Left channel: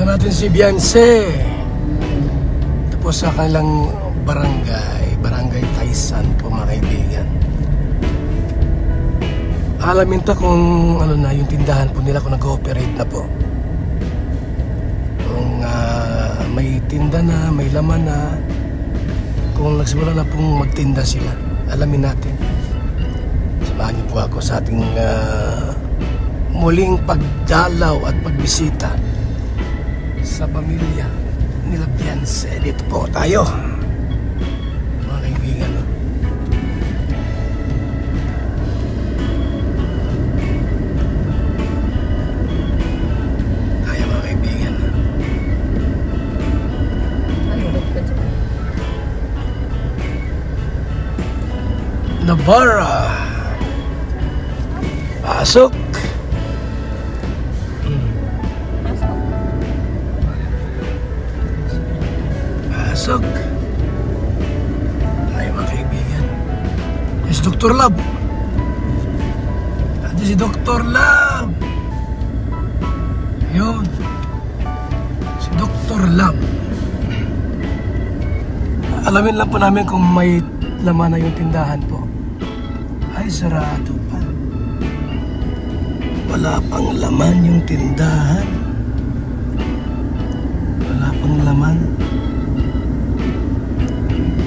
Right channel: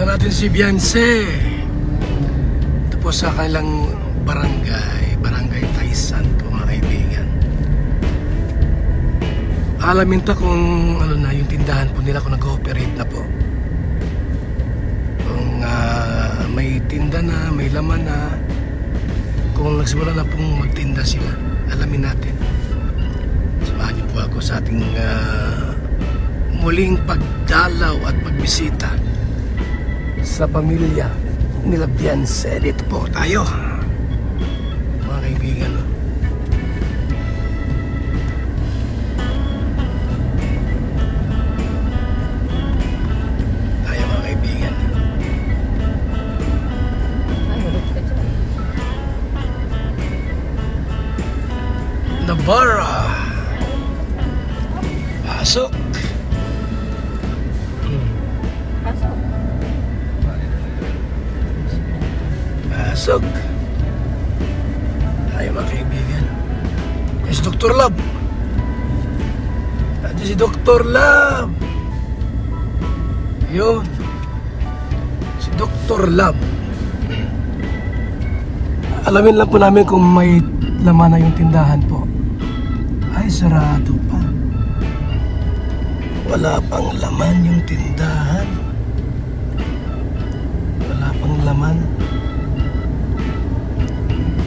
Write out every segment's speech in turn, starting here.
Ito natin si Beyonce. Ito po sa kanilang Barangay Taisan po mga kaibigan. Alamin ta kung ano na yung tindahan po nila kung nag-ooperate na po. Kung may tinda na, may laman na, kung nagsimula na pong magtinda sila. Alamin natin. Samahan niyo po ako sa ating muling pagdalaw at pagbisita sa pamilya nila Beyonce. Dito po tayo mga kaibigan, no? Tayo mga kaibigan. Navarra, pasok. Pasok. Tayo mga kaibigan. Yan si Dr. Lab. Ito si Dr. Lab. Yun. Si Dr. Lab. Alamin lang po namin kung may laman na yung tindahan po. Ay, sarado pa. Wala pang laman yung tindahan. Wala pang laman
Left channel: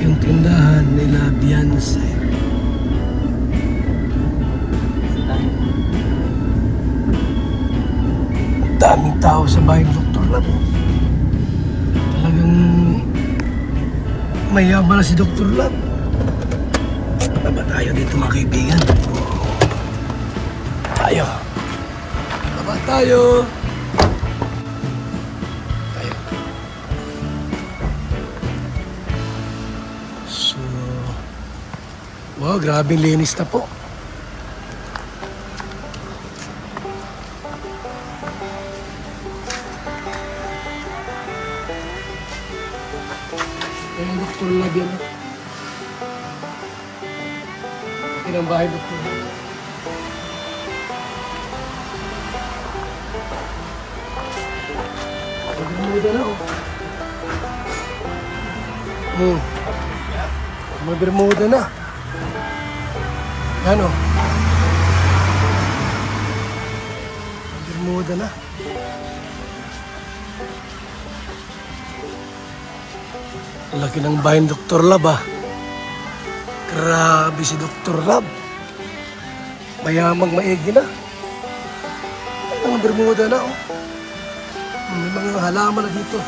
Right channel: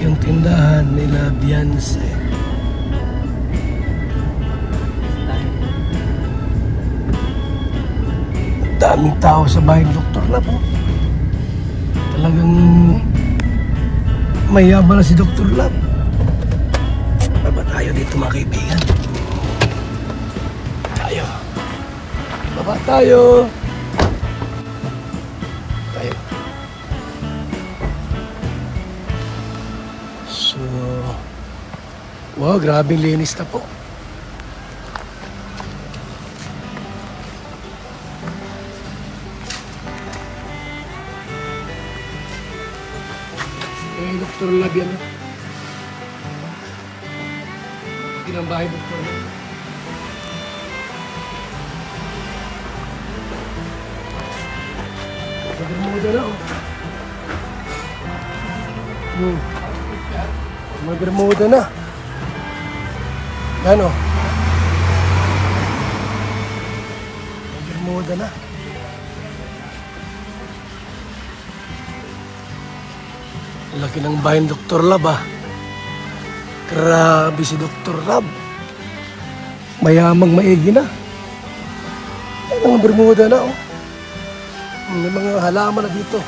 yung tindahan nila Beyonce. Daming tao sa bahay ng Dr. Lab. Talagang mayaman na si Dr. Lab. Baba tayo dito mga kaibigan. Tayo. Baba tayo. Wow, grabing linis na po. Yung Dr. Lab yan. Pinang bahay Dr. Lab. Mag-bermuda na oh. Oh. Mag-bermuda na. Yan o. Bermuda na. Laki ng bahay ng Dr. Lab ah. Grabe si Dr. Lab. Mayaman maigi na. May mga bermuda na oh. May mga halaman na dito.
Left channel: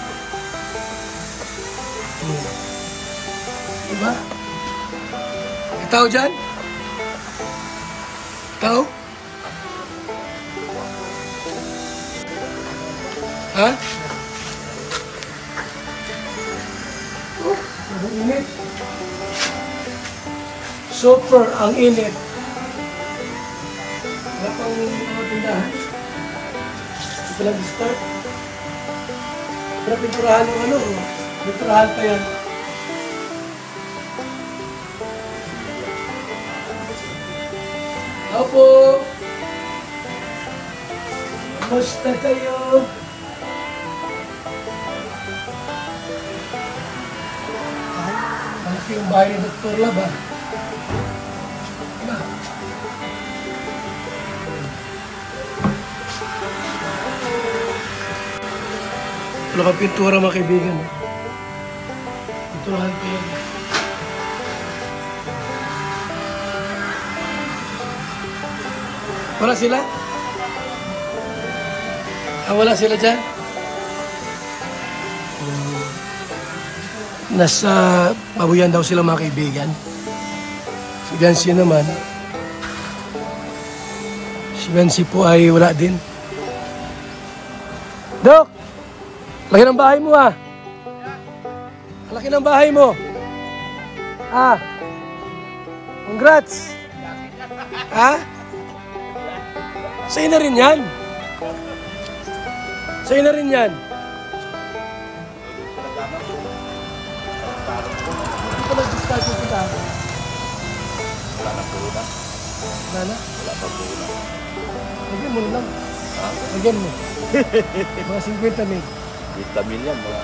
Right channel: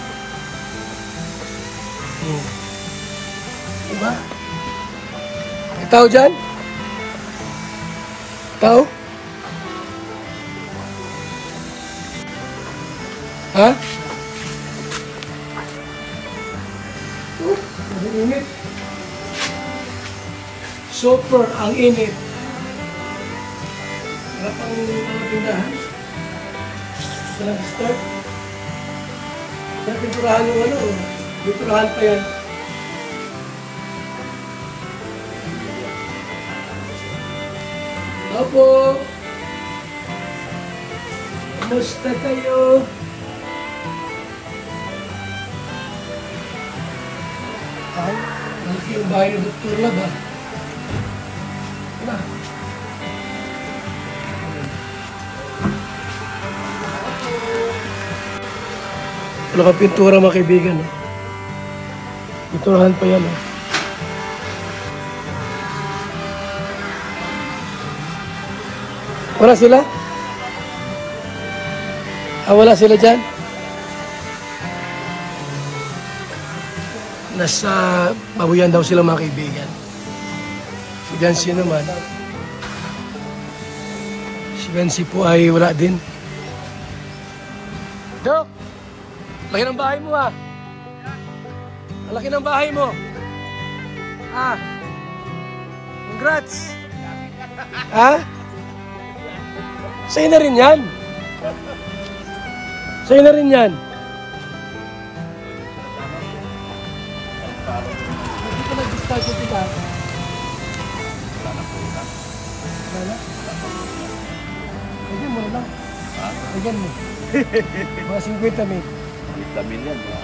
Diba? May tao dyan? Tao? Ha? Ang init. Super ang init. Wala pang tindahan. Ito lang start. Pero pinturahan yung ano. Pinturahan pa yan. Opo. Kamusta kayo? Ay, malaki yung bahay ni Dr. Lab ah. Wala kang pintura mga kaibigan. Pinturahan pa yan ah. Wala sila? Wala sila dyan? Nasa babuyan daw sila mga kaibigan. Si Beyonce naman. Si Beyonce po ay wala din. Dok! Laki ng bahay mo ah. Laki ng bahay mo. Ah. Congrats. Ah? Sa'yo na rin yan. Sa'yo na rin yan. Hindi ka nag-discard mo kita. Wala na po na. Wala na? Wala pa po na. Lagyan mo na lang. Ha? Lagyan mo. Mga 50 mil. Vitaminian, wala.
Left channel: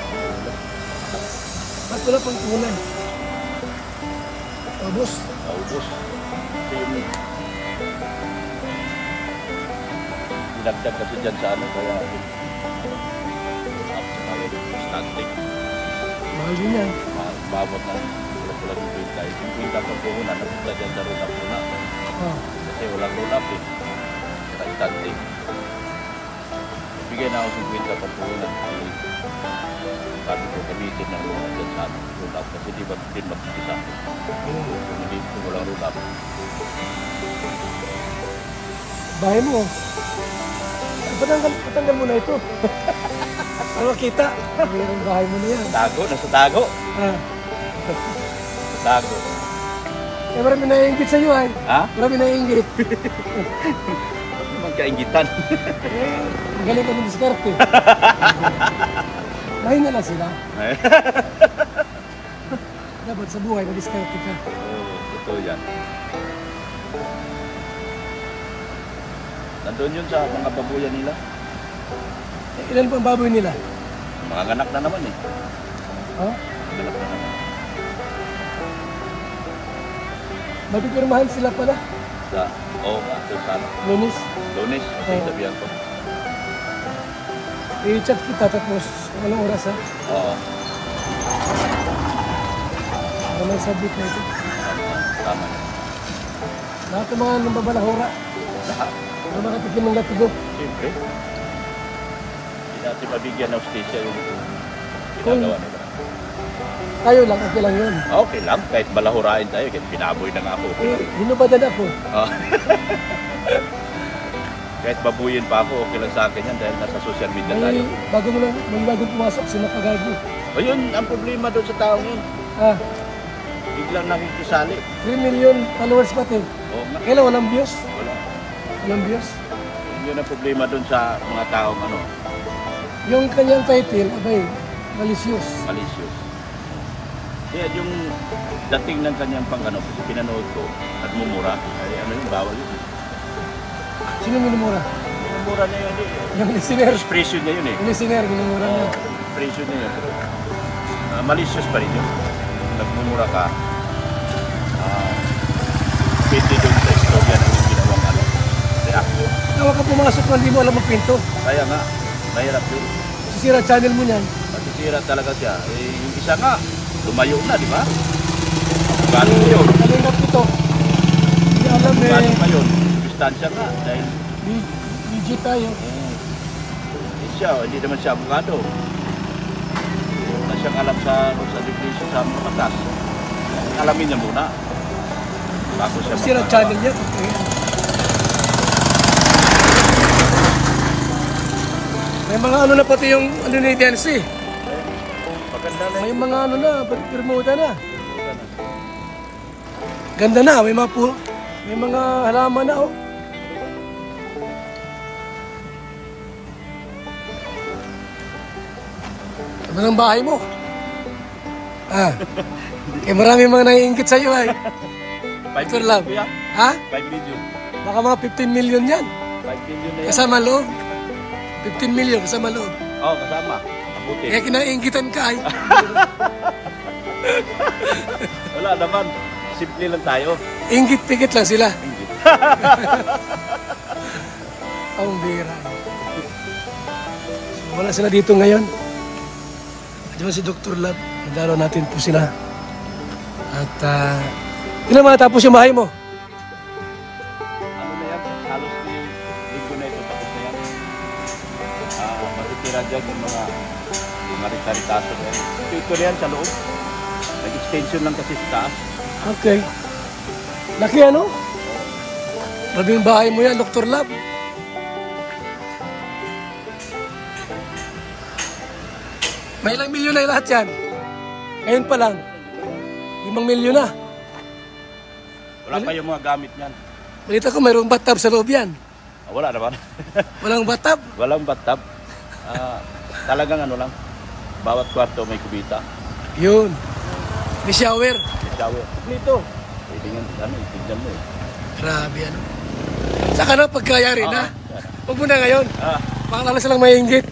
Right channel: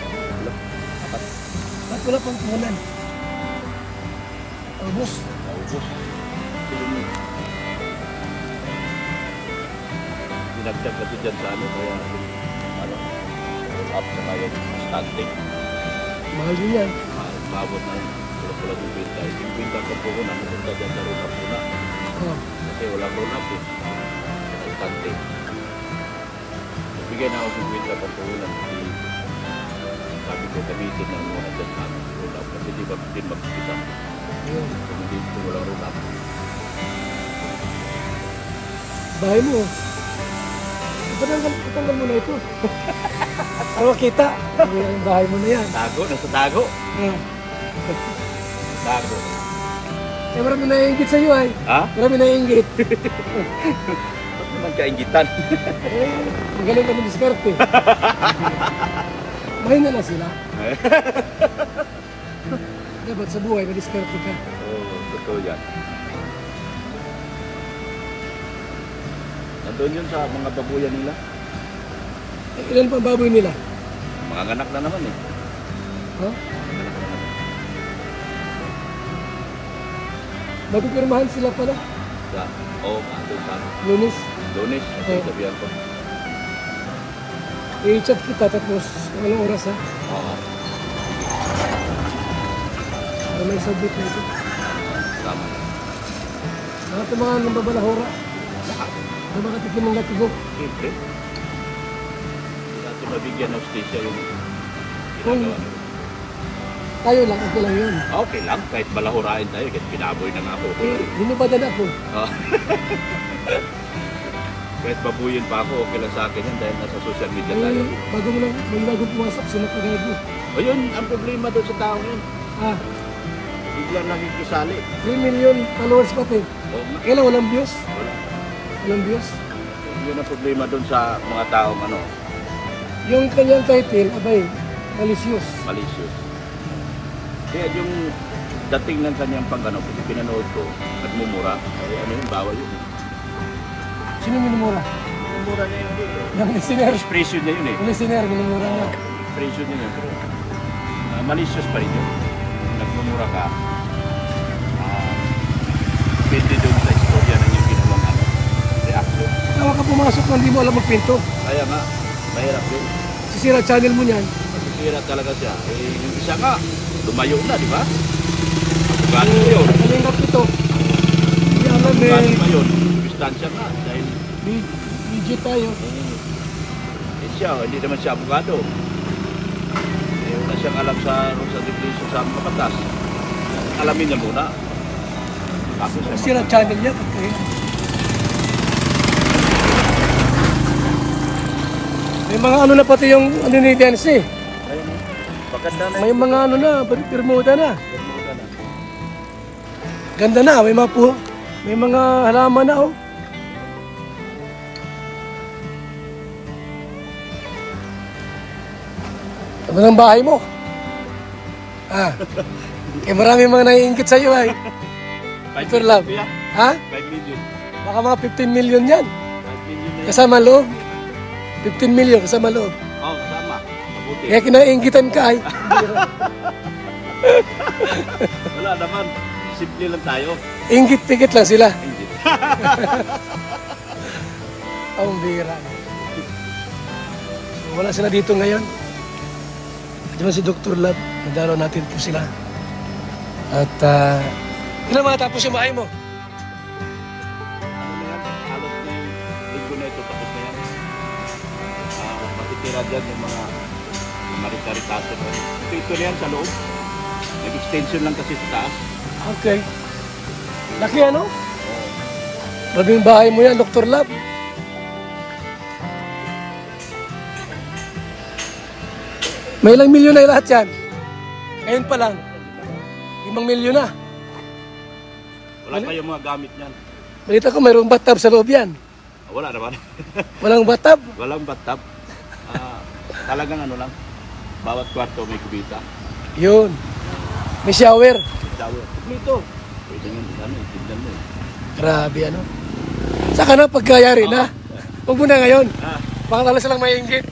Ba't wala pang punan? Ubus. Naubos. Dinagdag kasi dyan sa ano, kaya stunting. Mahal din yan. Bawat na pula-pula bibenta. Yung bibenta ko doon, ano, dyan sa roll up na. Kasi walang roll up eh. Stunting. Bigyan na ako yung bibenta ko doon. Sabi ko, gamitin ng roll up dyan sa roll up. Kasi di ba pinapisa ko. Kung walang roll up. Bahay mo. Patanggal mo na ito. Ano kita? Yung bahay mo na yan. Tago, nasa tago. Tago. Eh, marami naiingit sa'yo ay. Ha? Marami naiingit. Naman kaingitan. Magaling ka ng diskarte. Mahinga lang sila. Dapat sa buhay, madiskarte ka. Totoo yan. Nandun yun sa mga babuyan nila. Ilan pa ang baboy nila? Mga anak na naman eh. Oh? Mapipirmahan sila pala. Oo, kasi para. Lunes. Lunes, sabihan ko. I-chat kita tapos walang oras ha. Oo. May submit na ito. Tama. Lahat ng mga nambabalahura. Para makatikin ng latigo. Siyempre. Dati mabigyan ng stisya yung Kung ginagawa nila. tayo lang, okay lang yun. Okay lang, kahit balahurain tayo, kahit pinaboy na nga ako. Hinubadan ako. Kahit babuyin pa ako, okay lang sa akin yan dahil nasa social media tayo. May bagong pumasok, sino pagagawa. Ayun, ang problema doon sa tao yun. Biglang nakikisali. 3 million followers pati. Oo nga. Kailan walang views? Walang views? Yun ang problema doon sa mga taong ano, Yung kanyang title, abay, malicious. malicious. Kaya yung dating ng kanyang pangano, kasi pinanood ko, nagmumura, ay ano yung bawal yun. Sino minumura? Nagmumura niya yun. Yung listener. Expression niya yun eh. Yung listener, minumura niya. Expression niya yun. Malicious pa rin yun. Nagmumura ka. Pwede doon sa istorya na yung ginawang ano. Reaction. Tawa ka pumasok kung hindi mo alam magpinto. Kaya nga, mahirap yun. Sisira channel mo niyan. Masisira talaga siya. Eh, yung isa nga, lumayo na, di ba? Gano'n mo yun? Kalingap ito. Hindi alam eh. Gano'n mo yun? Distansya na. Dahil BG tayo. siya, hindi naman siya abogado. Wala siyang alam sa definition sa mga batas. Alamin niya muna. Bago siya Sisira channel niya. May mga ano na pati yung ano ni Dense. May mga ano na, permuta na. Ganda na, may mga halaman na oh. Ano ng bahay mo? Eh marami mga naiingit sa'yo ay. Picture love. Ha? 5 million. Baka mga 15 million yan. 5 million. Kasama loob. 15 million kasama loob. Oo, kasama. Mabuti. Kaya kinaingitan ka ay. Wala naman. Simple lang tayo. Ingit-pigit lang sila. Hindi. Ang bira. So, wala sila dito ngayon. Diba si Dr. Lab, nagdaro natin po sila. At ilan matapos yung bahay mo? Ano na yan? Halos linggo na ito. Tapos na yan. Matitira dyan yung mga rita-ritaso. Ito na yan sa loob. Nag-extension lang kasi sa taas. Okay. Laki ano? Grabe yung bahay mo yan, Dr. Lab. May ilang milyon na lahat yan. Ngayon pa lang. 5 milyon na. Wala pa yung mga gamit niyan. Balita ko mayroong bathtub sa loob yan. Wala naman. Walang bathtub? Walang bathtub. Talagang ano lang. Bawat kwarto may kubita. Yun. May shower. May shower. Dito. Pwede nga ano, tignan mo eh. Grabe ano. Saka na pagkayari na. Huwag mo na ngayon. Baka lang silang may inggit.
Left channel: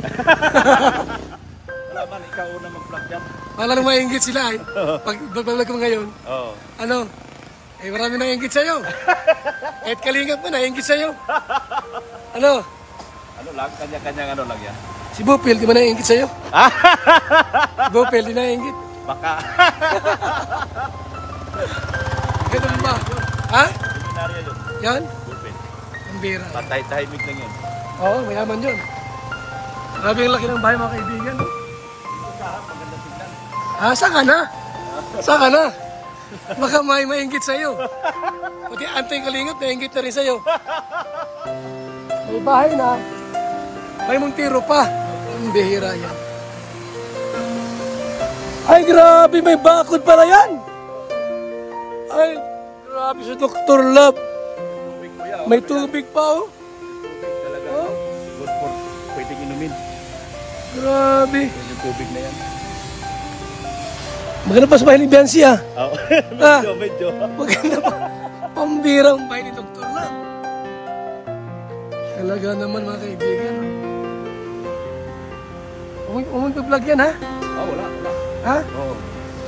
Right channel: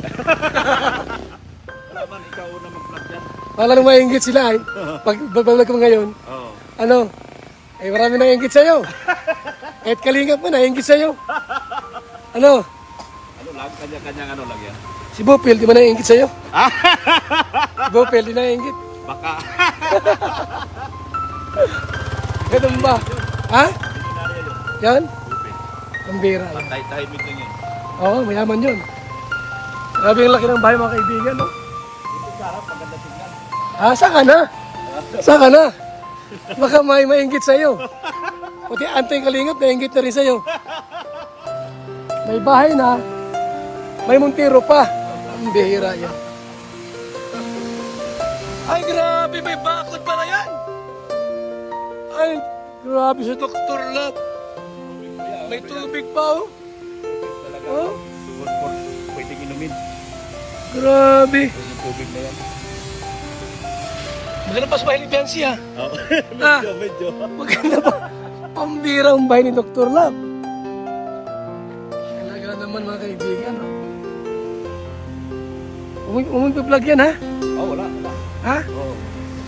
Wala man, ikaw una mag-vlog yan. Wala nang maingit sila ay. Pag vlog mo ngayon, Oo. ano? Eh marami nang ingit sa'yo. Kahit kalingap mo, naingit sa'yo. Ano? Ano lang, kanya-kanyang ano lang yan. Si Bopel, di ba naingit sa'yo? Si Bopel, di naingit. Baka. Ganun ba? Ha? Yan? Okay. Pambira. Patay-tahimik lang yun. Oo, mayaman yun. Grabe ang laki ng bahay mga kaibigan, no? Ah, saan ka na? Saan ka na? Baka may maingit sa'yo. Pati Antay Kalingap, naingit na rin sa'yo. May bahay na. May Montero pa. Ang bihira yan. Ay, grabe, may bakod pala yan. Ay, grabe si Dr. Love. May tubig pa, oh. Oh. Pwedeng inumin. Grabe. Pwedeng tubig na yan. Maganda pa sa bahay ni Biancy, ah. Oo. Ah. Medyo. Maganda pa. Pambira ang bahay ni Dr. Love. Talaga naman mga kaibigan, ha? Umong-vlog yan, ha? Oo, wala. Ha? Oo.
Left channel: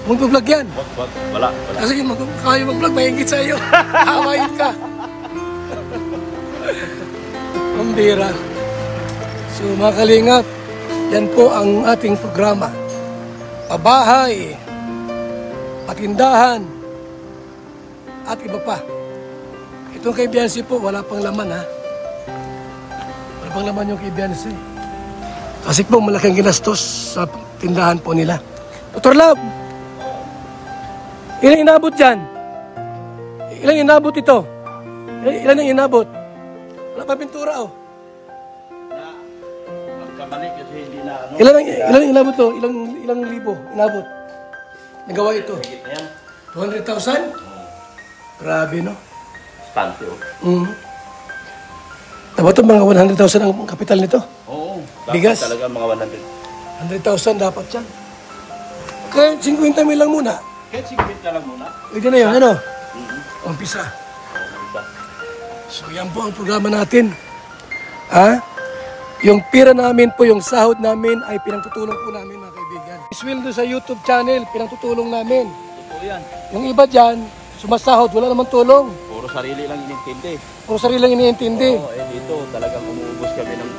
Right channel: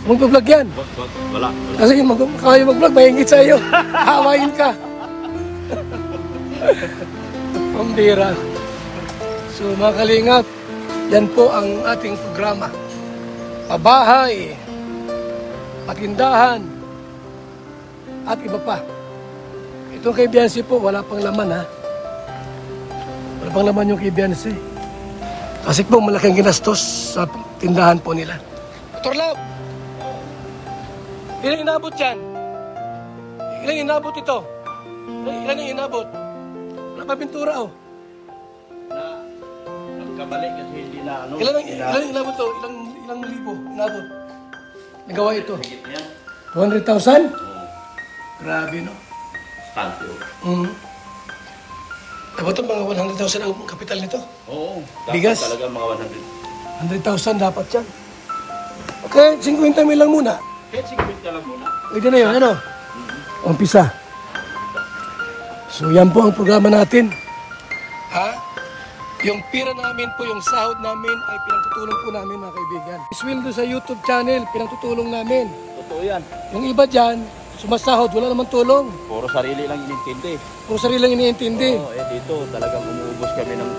Umong-vlog yan. Wag. Wala. Kasi kaya mag-vlog, maingit sa iyo. Hawain ka. Pambira. So mga kalingap, yan po ang ating programa. Pabahay, patindahan, at iba pa. Itong kay Biancy po, wala pang laman, ha? Wala pang laman yung kay Biancy. Kasi po malaking ginastos sa tindahan po nila. Dr. Love, ilan inabot dyan? Ilan inabot ito? Ilan ang inabot? Wala pa pintura, oh. Nagkamali kasi hindi na ano. Ilan inabot to? Ilang libo inabot? Nagawa ito? Ayan. 200,000? Grabe, no? Tanto. Dapat ito mga 100,000 ang kapital nito. Oo. Bigas? Talaga mga 100,000 dapat yan. Okay, 50 mil lang muna. Kahit 50 lang muna. Pwede na yun, ano? Umpisa. So yan po ang programa natin. Ha? Yung pira namin po, yung sahod namin ay pinagtutulong po namin mga kaibigan. Sweldo sa YouTube channel, pinagtutulong namin. Totoo yan. Yung iba dyan, sumasahod, wala namang tulong. Puro sarili lang inintindi. Puro sarili lang iniintindi. Oo, dito talagang umuubos kami ng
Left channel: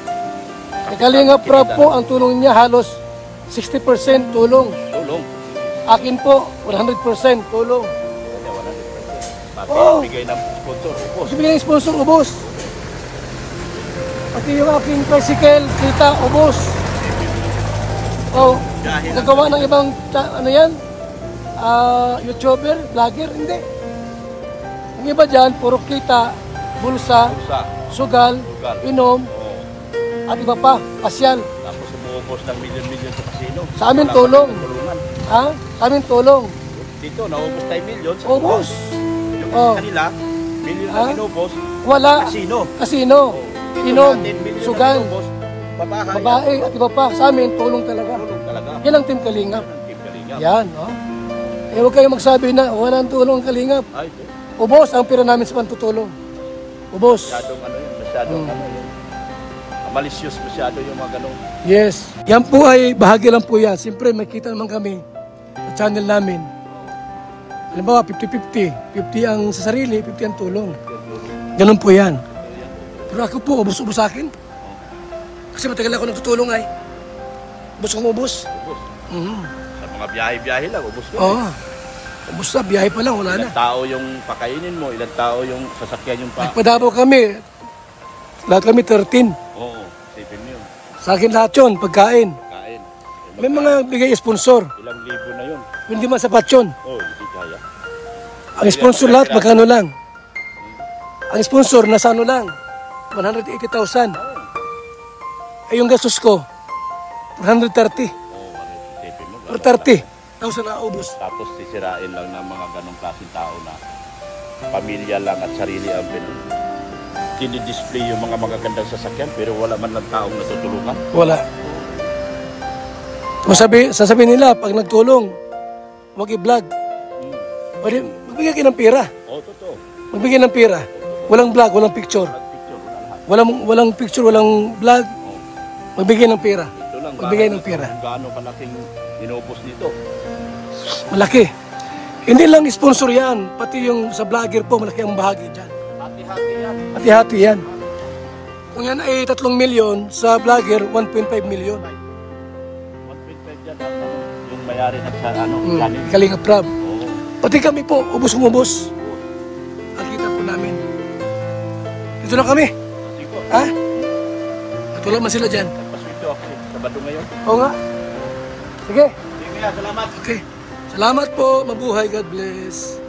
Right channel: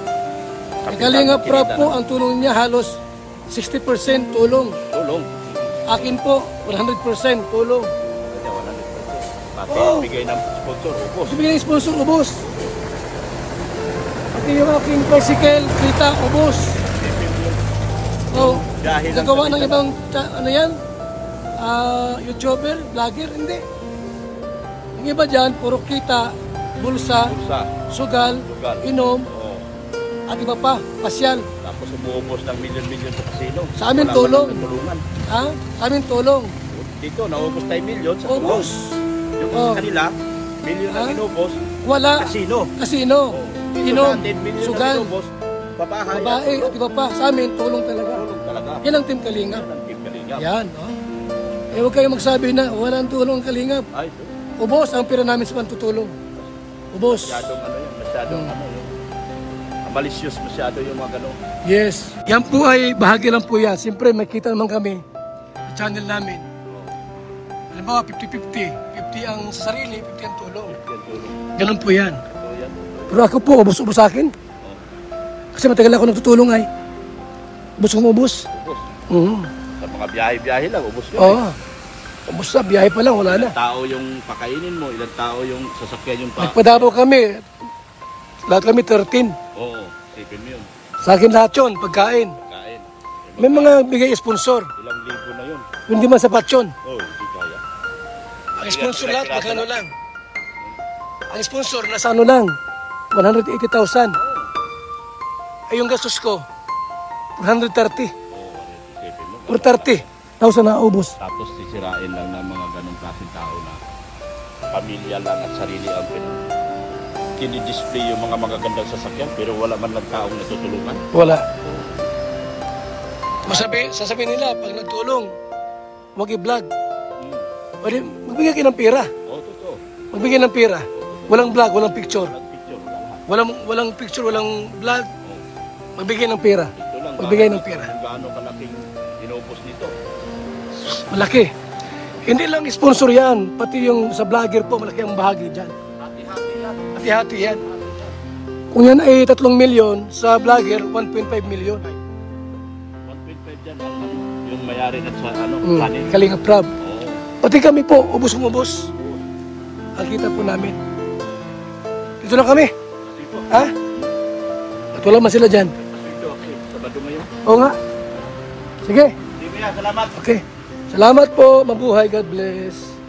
May Kalingap Rob po, ang tulong niya halos 60% tulong. tulong. Akin po, 100% tulong. Kaya 100%. Pati Oo. bigay ng sponsor, ubos. Kasi bigyan ng sponsor, ubos. Pati yung aking tricycle, kita, ubos. Oh, gagawa ng ibang, ano yan? YouTuber, vlogger, hindi. Ang iba dyan, puro kita, bulsa, Bulsa. sugal, Sugal. inom, Oo. at iba pa, pasyal. Tapos umuubos ng milyon-milyon sa kasino. Sa amin Wala tulong. man tulungan. Ha? Sa amin tulong. Dito, naubos tayo milyon sa Ubos. Yung Oh. kanila, milyon Ha? ang inubos. Wala. Kasino. Kasino. Oh. Inom. Natin, milyon Sugal. ang inubos. Babahay. Babae at iba pa. Sa amin, tulong talaga. Tulong talaga. Yan ang Team Kalingap. Ang Team Kalingap. Yan, oh. Eh, huwag kayong magsabi na walang tulong ang Kalingap. Ay, Ubos ang pira namin sa pantutulong. Ubos. masyadong ano yun. Masyadong ano yun. Malicious masyado yung mga ganun. Yes. Yan po ay bahagi lang po yan. Siyempre, makita naman kami sa channel namin. Halimbawa, 50-50. 50 ang sa sarili, 50 ang tulong. Ganun po yan. Pero ako po, ubos-ubos sa akin. Kasi matagal ako nagtutulong ay. Ubos kong ubos. Ubos. Sa mga biyahe-biyahe lang, ubos yun. Oo. Ubos na, biyahe pa lang, wala na. Ilang tao yung pakainin mo, ilang tao yung sasakyan yung Nagpadabaw kami. Lahat kami 13. Oo, isipin mo yun. Sa akin lahat yun, pagkain. Kain. May mga bigay sponsor. Ilang libo na yun. Hindi man sapat yun. Oo, hindi kaya. Ang sponsor lahat, magkano lang? Ang sponsor, nasa ano lang? 180,000. Ay yung gastos ko, 430. Oo, isipin mo. 430,000 na ubos. Tapos sisirain lang ng mga ganong klaseng tao na pamilya lang at sarili ang dinidisplay yung mga magagandang sasakyan pero wala man lang taong natutulungan. Wala. Kung sasabihin nila, pag nagtulong, huwag i-vlog. Pwede, magbigay kayo ng pera. Oo, totoo. Magbigay ng pera. Walang vlog, walang picture. Picture, wala lahat. Walang picture, walang vlog. Magbigay ng pera. Ito lang, magbigay ng pera. Kung gaano kalaking inubos nito. Malaki. Hindi lang sponsor yan, pati yung sa vlogger po, malaki ang bahagi dyan. Hati-hati yan. Hati-hati yan. Kung yan ay 3 milyon, sa vlogger, 1.5 milyon. 1.5 dyan ang yung mayari ng channel. Kalinga Prab. Oo. Pati kami po, ubos-ubos. Ang kita po namin. Dito na kami. Kasi po, Ha? At wala man sila dyan. ito kasi Sabado ngayon. Oo nga. Sige. Sige, salamat. Okay. Salamat po. Mabuhay. God bless.